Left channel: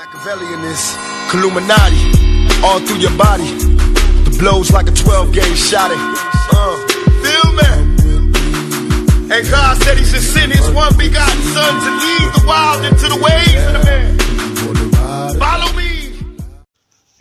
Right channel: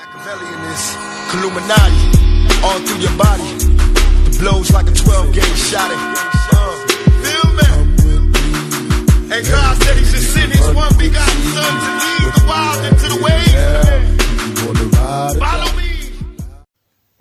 Machiavelli in this Illuminati, all through your body. The blows like a 12-gauge shot. Feel me? And God said He should send His one begotten Son to lead the wild into the ways. Follow me.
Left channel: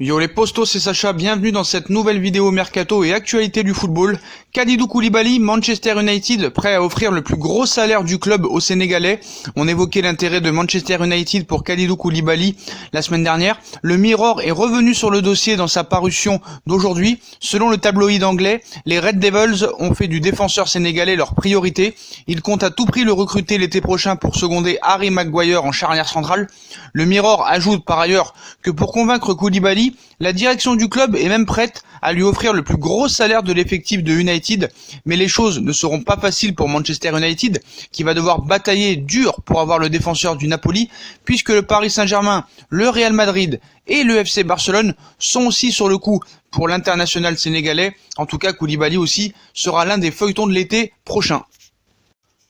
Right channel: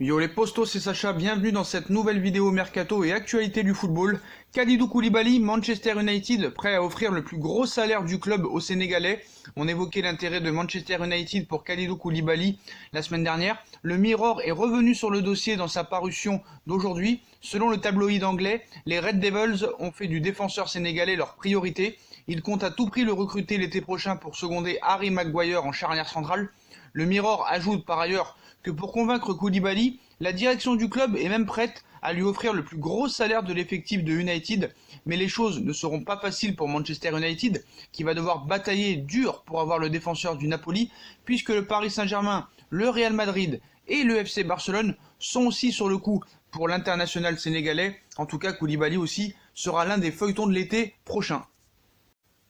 Yo les postos, c'est Sacha, bienvenue dans cette nouvelle vidéo mercato et actualité du football. Kalidou Koulibaly, Manchester United, prêt à offrir le plus gros salaire du club aux Sénégalais. On évoquait l'intérêt de Manchester United pour Kalidou Koulibaly la semaine dernière. Le Mirror est revenu sur le dossier dans sa parution d'aujourd'hui. Selon le tabloïd anglais, les Red Devils ont fait du défenseur sénégalais leur priorité. Ils comptent à tout prix le recruter l'été prochain pour seconder Harry Maguire en charnière centrale. Le Mirror ajoute par ailleurs que pour convaincre Koulibaly, la direction du club est même prête à lui offrir le plus gros salaire de l'effectif de United, mais les choses ne seront pas faciles pour Manchester United, qui va devoir batailler dur pour avoir le défenseur du Napoli, puisque le Paris Saint-Germain, le Real Madrid et le FC Barcelone sont aussi sur le coup pour l'international sénégalais. En tout cas, Koulibaly aussi sera l'un des feuilletons de l'été prochain.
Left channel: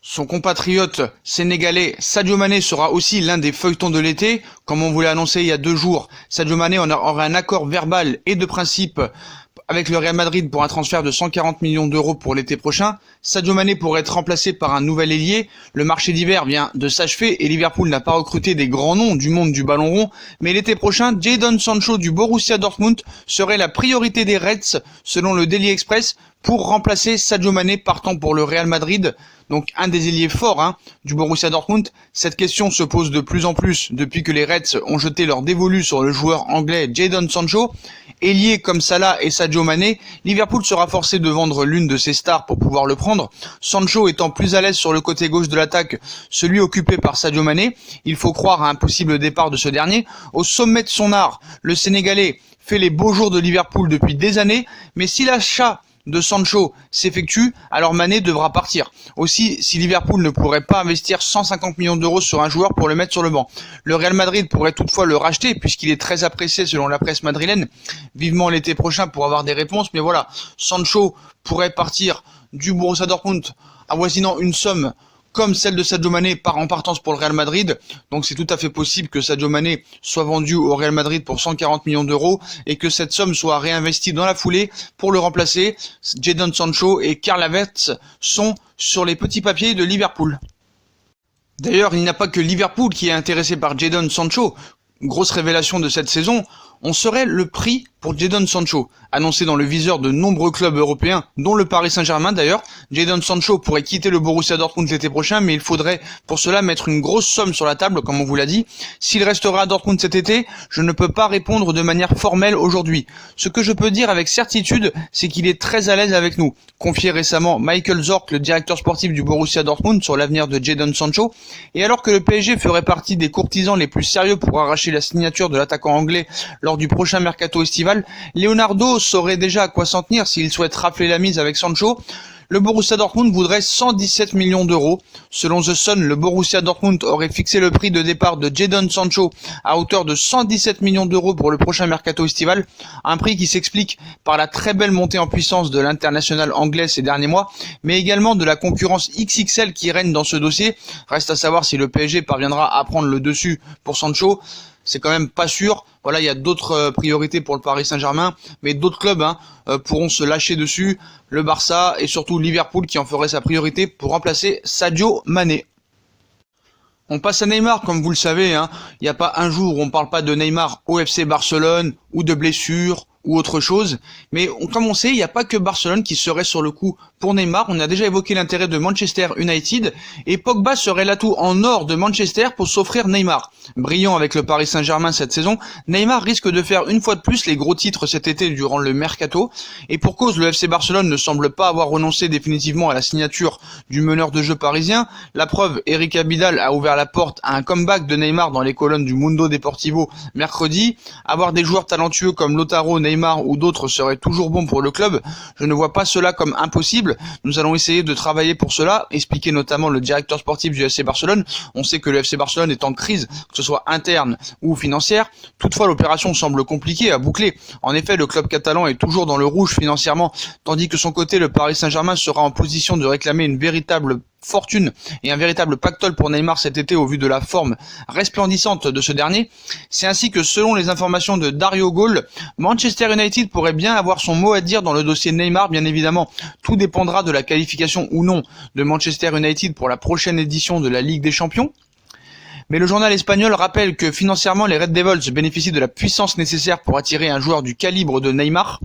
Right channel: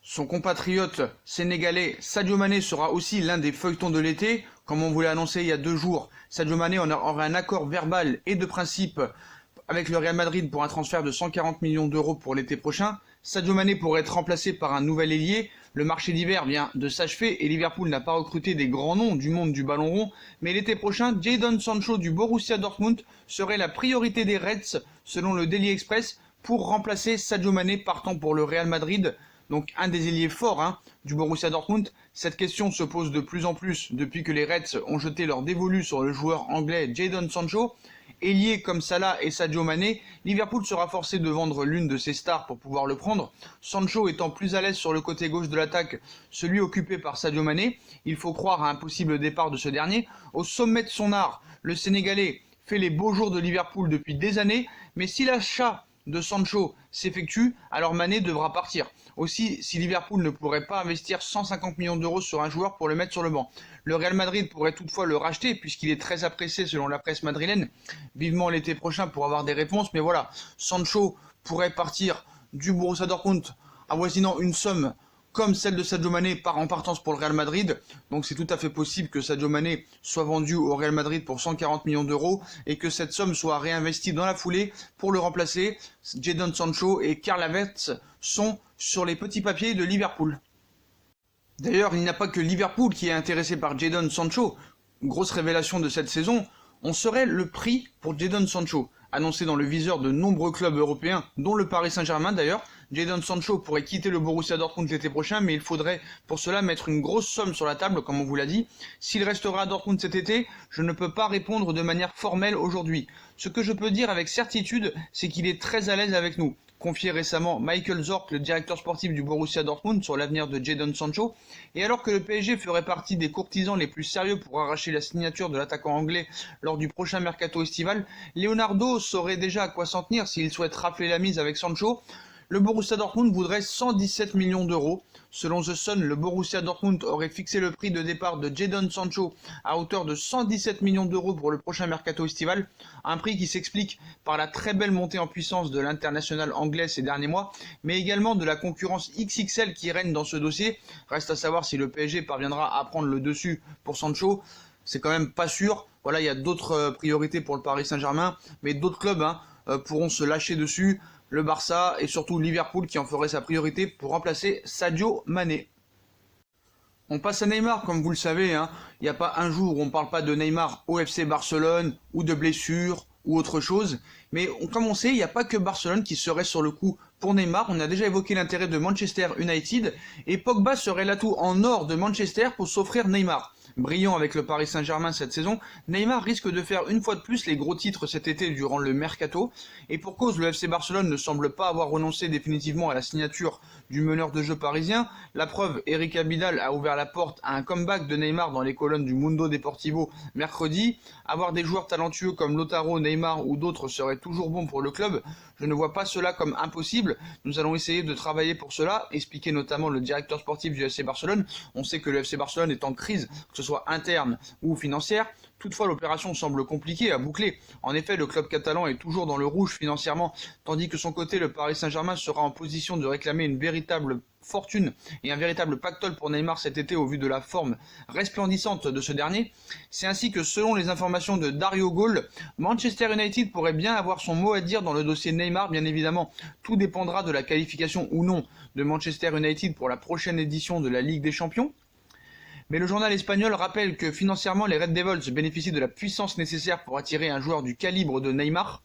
Son compatriote sénégalais Sadio Mané sera aussi l'un des feuilletons de l'été. Comme on vous l'a annoncé il y a 2 jours, Sadio Mané aura un accord verbal et de principe avec le Real Madrid pour un transfert de 140 millions d'euros pour l'été prochain. Sadio Mané pourrait être remplacé par un nouvel ailier. Le marché d'hiver vient de s'achever et Liverpool n'a pas recruté des grands noms du monde du ballon rond. Mais l'été prochain, Jadon Sancho du Borussia Dortmund serait la priorité des Reds selon le Daily Express pour remplacer Sadio Mané partant pour le Real Madrid. Donc un des ailiers forts du Borussia Dortmund. Cette question se pose de plus en plus depuis que les Reds ont jeté leur dévolu sur le joueur anglais Jadon Sancho. Ailier comme Salah et Sadio Mané, Liverpool sera forcé de vendre l'une de ses stars pour pouvoir le prendre. Sancho étant plus à l'aise sur le côté gauche de l'attaque, celui occupé par Sadio Mané. Il faut croire à un possible départ de ce dernier. Au sommet de son art, le Sénégalais fait les beaux jours de Liverpool depuis des années, mais si l'achat de Sancho s'effectue, alors Mané devra partir. Aussi, si Liverpool ne pourrait pas investir 150 millions d'euros sur un joueur pour le mettre sur le banc. Le Real Madrid pourrait toutefois le racheter puisqu'il est très apprécié selon la presse madrilène. Vivement l'été prochain pour avoir des réponses, mais voilà, Sancho pourrait partir du Borussia Dortmund avoisinant une somme comme celle de Sadio Mané en partance pour le Real Madrid. Donc c'est tout à fait possible que Sadio Mané soit vendu au Real Madrid pour 140 millions d'euros et que cette somme soit réinvestie dans la foulée pour le remplacer. Jadon Sancho et Karl Havertz sont sur les petits papiers de Liverpool. D'ailleurs, il n'y a pas que Liverpool qui est intéressé par Jadon Sancho. Grosse révélation de cette saison, on serait le prix pour Jadon Sancho, annoncé dans le viseur de nombreux clubs européens, dont le Paris Saint-Germain d'ailleurs. Jadon Sancho pourrait quitter le Borussia Dortmund l'été prochain, mais il faudrait pour cela mettre une grosse somme sur la table, comme on vous l'a dit. S'il restera à Dortmund cet été, je ne peux pas répondre de manière formelle aujourd'hui. Ce que je peux dire avec certitude, c'est qu'il est très à l'aise avec nous. Confié récemment Michael Zorc, le directeur sportif du Borussia Dortmund, sur l'avenir de Jadon Sancho. Et alors que le PSG ferait partie des courtisans les plus sérieux pour arracher la signature de l'attaquant anglais lors du prochain mercato estival, Leonardo saurait déjà à quoi s'en tenir s'il souhaite rafler la mise avec Sancho. Le Borussia Dortmund voudrait 117 millions d'euros. Selon The Sun, le Borussia Dortmund aurait fixé le prix de départ de Jadon Sancho à hauteur de 117 millions d'euros pour le prochain mercato estival. Un prix qui s'explique par la très belle montée en puissance de l'international anglais ces derniers mois, mais également de la concurrence XXL qui règne dans ce dossier. Reste à savoir si le PSG parviendra à prendre le dessus pour Sancho. C'est quand même pas sûr. Voilà, il y a d'autres priorités pour le Paris Saint-Germain, mais d'autres clubs pourront se lâcher dessus. Le Barça et surtout Liverpool qui en ferait sa priorité pour remplacer Sadio Mané. On passe à Neymar, comme vous le savez. Il n'y a pas un jour où on ne parle pas de Neymar au FC Barcelone ou de blessures ou autre chose. Mais comme on sait, il n'y a pas que Barcelone qui serait sur le coup pour Neymar. On a déjà évoqué l'intérêt de Manchester United et Pogba serait l'atout en or de Manchester pour s'offrir Neymar. Brillant avec le Paris Saint-Germain cette saison, Neymar risque de faire une fois de plus les gros titres cet été durant le mercato. Et pour cause, le FC Barcelone ne semble pas avoir renoncé définitivement à la signature du meneur de jeu parisien. La preuve, Eric Abidal a ouvert la porte à un comeback de Neymar dans les colonnes du Mundo Deportivo mercredi. Avoir des joueurs talentueux comme Lautaro, Neymar ou d'autres serait toujours bon pour le club. Je ne vois pas cela comme impossible. Nous allons essayer de travailler pour cela, expliquait notamment le directeur sportif du FC Barcelone. On sait que le FC Barcelone est en crise, que ce soit interne ou financière. Toutefois, l'opération semble compliquée à boucler. En effet, le club catalan est toujours dans le rouge financièrement, tandis que son côté, le Paris Saint-Germain sera en position de réclamer une véritable fortune et un véritable pactole pour Neymar cet été au vu de la forme resplendissante de ce dernier. C'est ainsi que selon les informations de Dario Gol, Manchester United pourrait bien avoir son mot à dire dans le dossier Neymar. Bien évidemment, tout dépendra de la qualification ou non de Manchester United pour la prochaine édition de la Ligue des Champions. Mais le journal espagnol rappelle que financièrement les Red Devils bénéficient de la puissance nécessaire pour attirer un joueur du calibre de Neymar.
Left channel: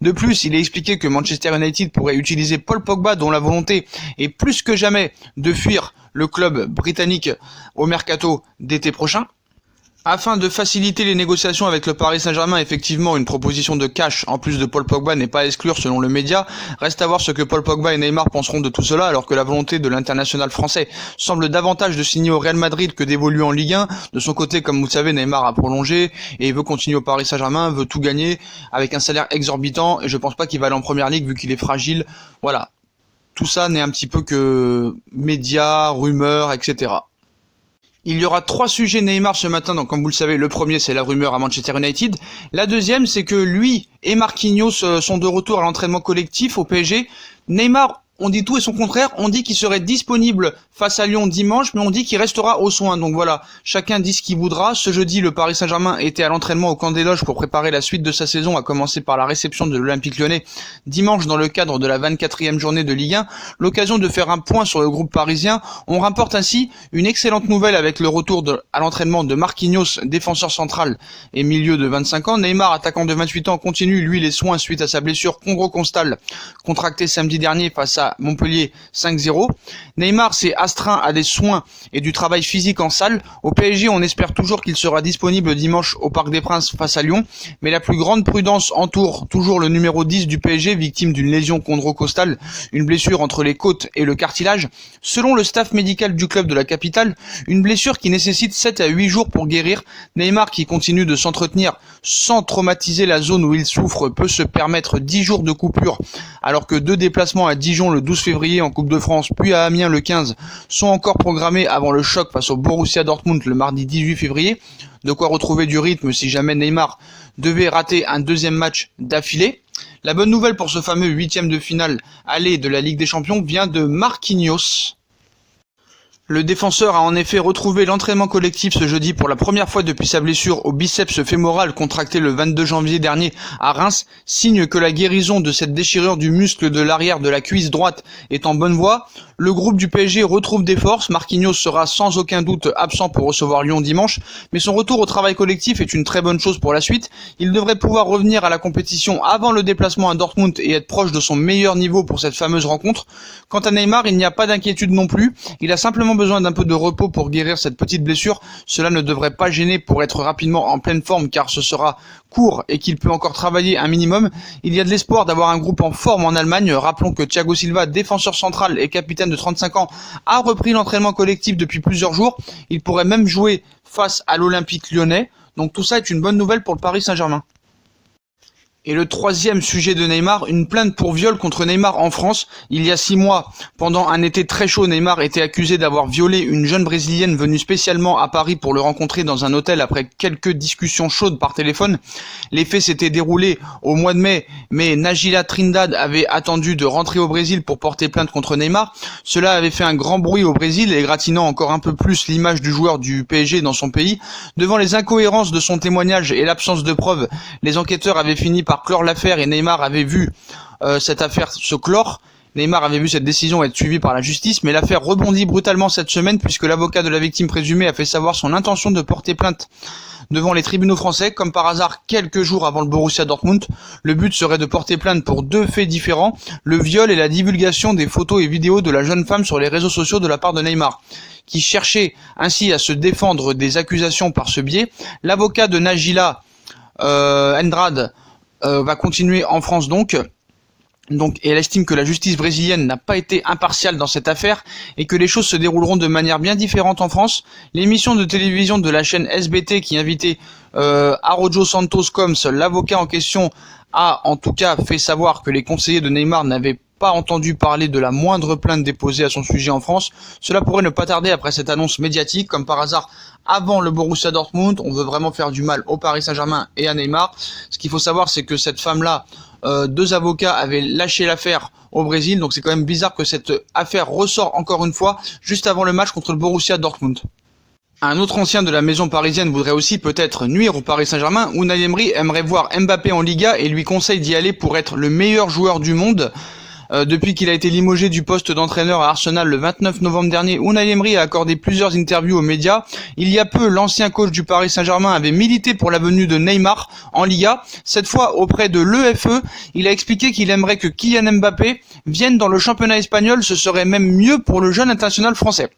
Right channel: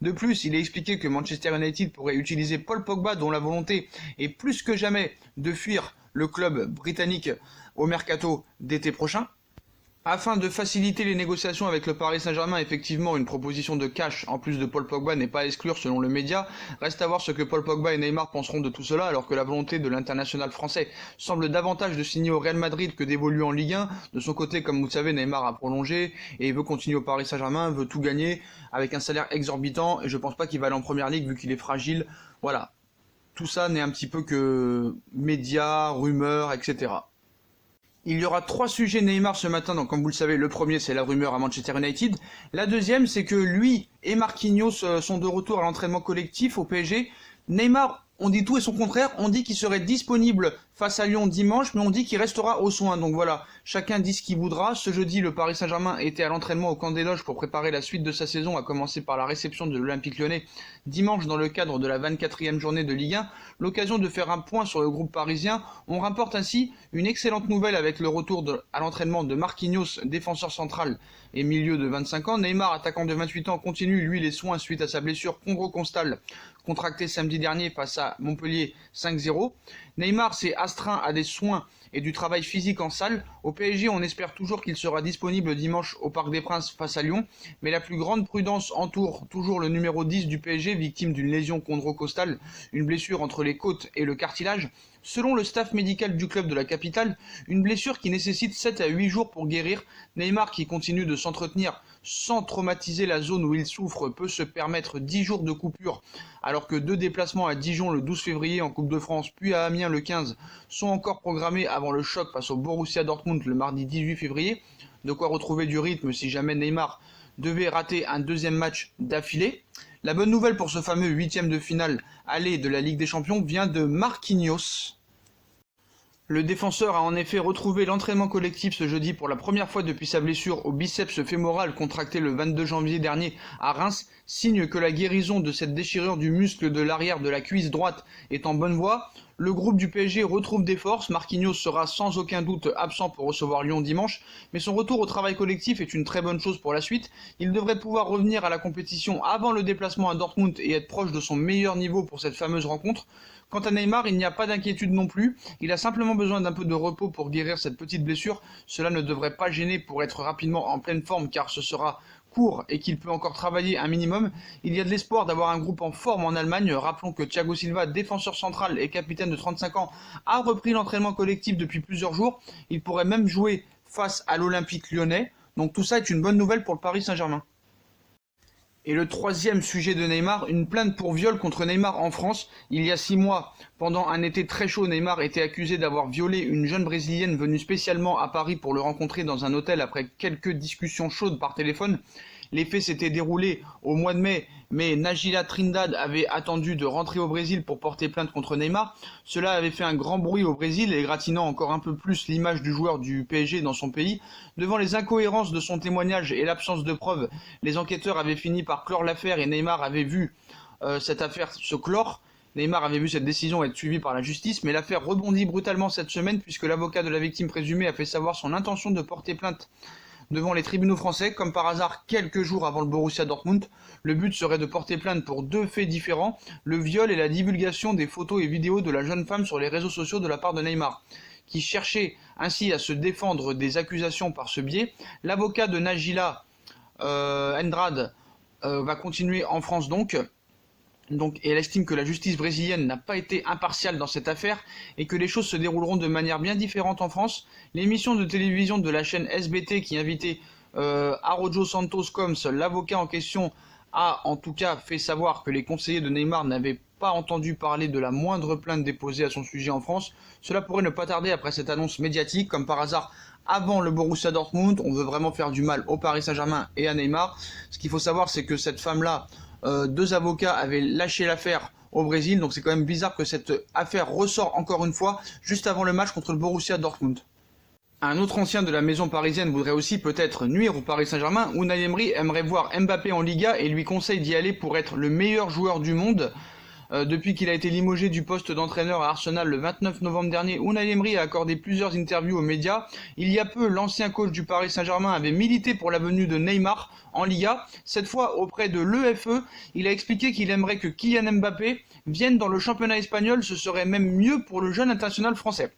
De plus, il est expliqué que Manchester United pourrait utiliser Paul Pogba, dont la volonté est plus que jamais de fuir le club britannique au mercato d'été prochain. Afin de faciliter les négociations avec le Paris Saint-Germain, effectivement, une proposition de cash en plus de Paul Pogba n'est pas à exclure selon le média. Reste à voir ce que Paul Pogba et Neymar penseront de tout cela, alors que la volonté de l'international français semble davantage de signer au Real Madrid que d'évoluer en Ligue 1. De son côté, comme vous le savez, Neymar a prolongé et veut continuer au Paris Saint-Germain, veut tout gagner avec un salaire exorbitant, et je pense pas qu'il va aller en première ligue vu qu'il est fragile. Voilà. Tout ça n'est un petit peu que médias, rumeurs, etc. Il y aura 3 sujets Neymar ce matin, donc comme vous le savez, le premier c'est la rumeur à Manchester United. La deuxième c'est que lui et Marquinhos sont de retour à l'entraînement collectif au PSG. Neymar, on dit tout et son contraire, on dit qu'il serait disponible face à Lyon dimanche, mais on dit qu'il restera aux soins. Donc voilà, chacun dit ce qu'il voudra. Ce jeudi, le Paris Saint-Germain était à l'entraînement au camp des loges pour préparer la suite de sa saison, à commencer par la réception de l'Olympique Lyonnais dimanche dans le cadre de la 24e journée de Ligue 1. L'occasion de faire un point sur le groupe parisien. On rapporte ainsi une excellente nouvelle avec le retour à l'entraînement de Marquinhos, défenseur central et milieu de 25 ans. Neymar, attaquant de 28 ans, continue lui les soins suite à sa blessure chondrocostale contractée samedi dernier face à Montpellier 5-0. Neymar s'est astreint à des soins et du travail physique en salle. Au PSG, on espère toujours qu'il sera disponible dimanche au Parc des Princes face à Lyon, mais la plus grande prudence entoure toujours le numéro 10 du PSG, victime d'une lésion chondrocostale, une blessure entre les côtes et le cartilage. Selon le staff médical du club de la capitale, une blessure qui nécessite 7 à 8 jours pour guérir. Neymar, qui continue de s'entretenir sans traumatiser la zone où il souffre, peut se permettre 10 jours de coupure, alors que 2 déplacements à Dijon le 12 février en Coupe de France, puis à Amiens le 15, sont encore programmés avant le choc face au Borussia Dortmund le mardi 18 février. De quoi retrouver du rythme si jamais Neymar devait rater un deuxième match d'affilée. La bonne nouvelle pour ce fameux 8e de finale aller de la Ligue des Champions vient de Marquinhos. Le défenseur a en effet retrouvé l'entraînement collectif ce jeudi pour la première fois depuis sa blessure au biceps fémoral contractée le 22 janvier dernier à Reims, signe que la guérison de cette déchirure du muscle de l'arrière de la cuisse droite est en bonne voie. Le groupe du PSG retrouve des forces, Marquinhos sera sans aucun doute absent pour recevoir Lyon dimanche, mais son retour au travail collectif est une très bonne chose pour la suite. Il devrait pouvoir revenir à la compétition avant le déplacement à Dortmund et être proche de son meilleur niveau pour cette fameuse rencontre. Quant à Neymar, il n'y a pas d'inquiétude non plus, il a simplement besoin d'un peu de repos pour guérir cette petite blessure. Cela ne devrait pas gêner pour être rapidement en pleine forme car ce sera court et qu'il peut encore travailler un minimum. Il y a de l'espoir d'avoir un groupe en forme en Allemagne. Rappelons que Thiago Silva, défenseur central et capitaine de 35 ans, a repris l'entraînement collectif depuis plusieurs jours. Il pourrait même jouer face à l'Olympique Lyonnais. Donc tout ça est une bonne nouvelle pour le Paris Saint-Germain. Et le troisième sujet de Neymar, une plainte pour viol contre Neymar en France. Il y a 6 mois, pendant un été très chaud, Neymar était accusé d'avoir violé une jeune brésilienne venue spécialement à Paris pour le rencontrer dans un hôtel après quelques discussions chaudes par téléphone. Les faits s'étaient déroulés au mois de mai, mais Najila Trindade avait attendu de rentrer au Brésil pour porter plainte contre Neymar. Cela avait fait un grand bruit au Brésil, égratignant encore un peu plus l'image du joueur du PSG dans son pays. Devant les incohérences de son témoignage et l'absence de preuves, les enquêteurs avaient fini par clore l'affaire et Neymar avait vu cette affaire se clore. Neymar avait vu cette décision être suivie par la justice, mais l'affaire rebondit brutalement cette semaine puisque l'avocat de la victime présumée a fait savoir son intention de porter plainte devant les tribunaux français, comme par hasard quelques jours avant le Borussia Dortmund. Le but serait de porter plainte pour 2 faits différents, le viol et la divulgation des photos et vidéos de la jeune femme sur les réseaux sociaux de la part de Neymar, qui cherchait ainsi à se défendre des accusations par ce biais. L'avocat de Najila Andrade va continuer en France donc, et elle estime que la justice brésilienne n'a pas été impartiale dans cette affaire et que les choses se dérouleront de manière bien différente en France. L'émission de télévision de la chaîne SBT qui invitait Araujo Santos Coms, l'avocat en question, a en tout cas fait savoir que les conseillers de Neymar n'avaient pas entendu parler de la moindre plainte déposée à son sujet en France. Cela pourrait ne pas tarder après cette annonce médiatique. Comme par hasard, avant le Borussia Dortmund. On veut vraiment faire du mal au Paris Saint-Germain et à Neymar. Ce qu'il faut savoir, c'est que cette femme-là, 2 avocats avaient lâché l'affaire au Brésil, donc c'est quand même bizarre que cette affaire ressort encore une fois juste avant le match contre le Borussia Dortmund. Un autre ancien de la maison parisienne voudrait aussi peut-être nuire au Paris Saint-Germain. Unai Emery aimerait voir Mbappé en Liga et lui conseille d'y aller pour être le meilleur joueur du monde. Depuis qu'il a été limogé du poste d'entraîneur à Arsenal le 29 novembre dernier, Unai Emery a accordé plusieurs interviews aux médias. Il y a peu, l'ancien coach du Paris Saint-Germain avait milité pour la venue de Neymar en Liga. Cette fois, auprès de l'EFE, il a expliqué qu'il aimerait que Kylian Mbappé vienne dans le championnat espagnol. Ce serait même mieux pour le jeune international français.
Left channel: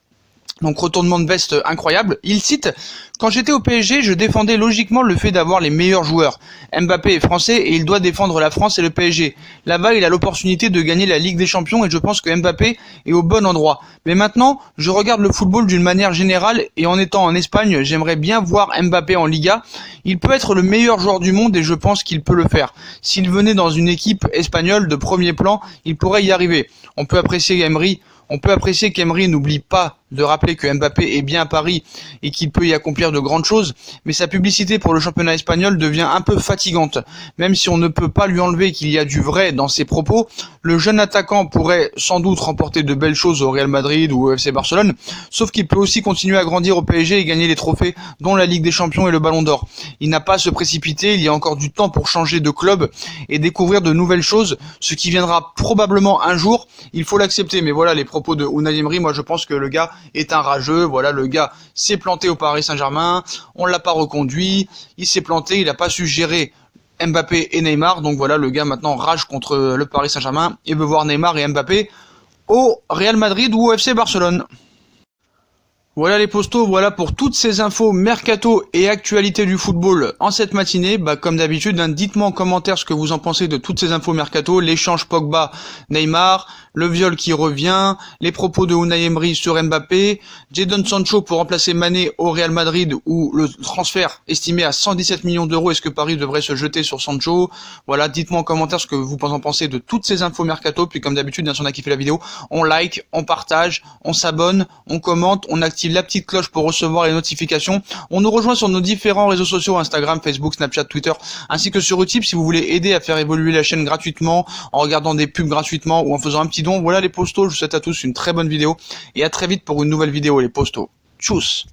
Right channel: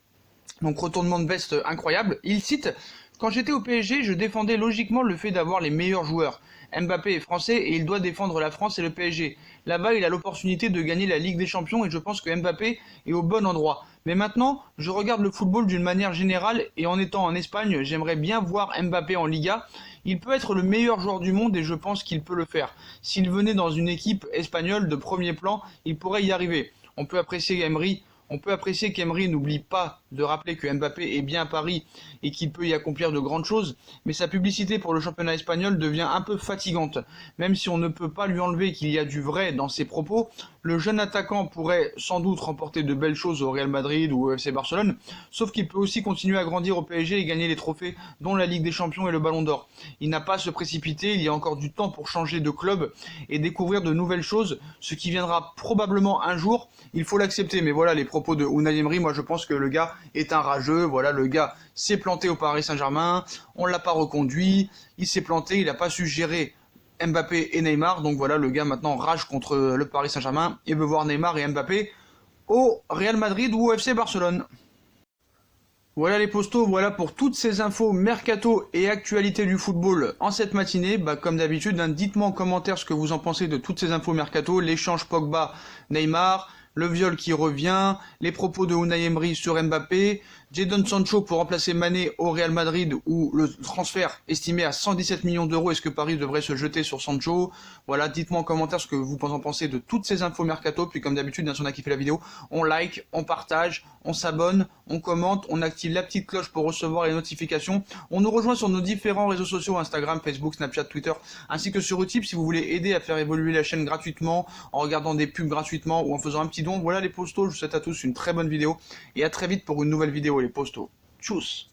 Donc retournement de veste incroyable. Il cite: quand j'étais au PSG, je défendais logiquement le fait d'avoir les meilleurs joueurs. Mbappé est français et il doit défendre la France et le PSG. Là-bas, il a l'opportunité de gagner la Ligue des Champions et je pense que Mbappé est au bon endroit. Mais maintenant, je regarde le football d'une manière générale et en étant en Espagne, j'aimerais bien voir Mbappé en Liga. Il peut être le meilleur joueur du monde et je pense qu'il peut le faire. S'il venait dans une équipe espagnole de premier plan, il pourrait y arriver. On peut apprécier qu'Emery n'oublie pas de rappeler que Mbappé est bien à Paris et qu'il peut y accomplir de grandes choses, mais sa publicité pour le championnat espagnol devient un peu fatigante. Même si on ne peut pas lui enlever qu'il y a du vrai dans ses propos, le jeune attaquant pourrait sans doute remporter de belles choses au Real Madrid ou au FC Barcelone, sauf qu'il peut aussi continuer à grandir au PSG et gagner les trophées dont la Ligue des Champions et le Ballon d'Or. Il n'a pas à se précipiter, il y a encore du temps pour changer de club et découvrir de nouvelles choses, ce qui viendra probablement un jour, il faut l'accepter. Mais voilà les propos de Unai Emery, moi je pense que le gars est un rageux, voilà, le gars s'est planté au Paris Saint-Germain, on l'a pas reconduit, il s'est planté, il n'a pas su gérer Mbappé et Neymar, donc voilà, le gars maintenant rage contre le Paris Saint-Germain et veut voir Neymar et Mbappé au Real Madrid ou au FC Barcelone. Voilà les postos, voilà pour toutes ces infos mercato et actualités du football en cette matinée. Comme d'habitude, dites-moi en commentaire ce que vous en pensez de toutes ces infos mercato, l'échange Pogba-Neymar, le viol qui revient, les propos de Unai Emery sur Mbappé, Jadon Sancho pour remplacer Mané au Real Madrid ou le transfert estimé à 117 millions d'euros, est-ce que Paris devrait se jeter sur Sancho? Voilà, dites-moi en commentaire ce que vous en pensez de toutes ces infos mercato, puis comme d'habitude, si on a kiffé la vidéo, on like, on partage, on s'abonne, on commente, on active la petite cloche pour recevoir les notifications, on nous rejoint sur nos différents réseaux sociaux, Instagram, Facebook, Snapchat, Twitter, ainsi que sur Utip si vous voulez aider à faire évoluer la chaîne gratuitement, en regardant des pubs gratuitement ou en faisant un petit don. Voilà les postos, je vous souhaite à tous une très bonne vidéo et à très vite pour une nouvelle vidéo les postos. Tchuss.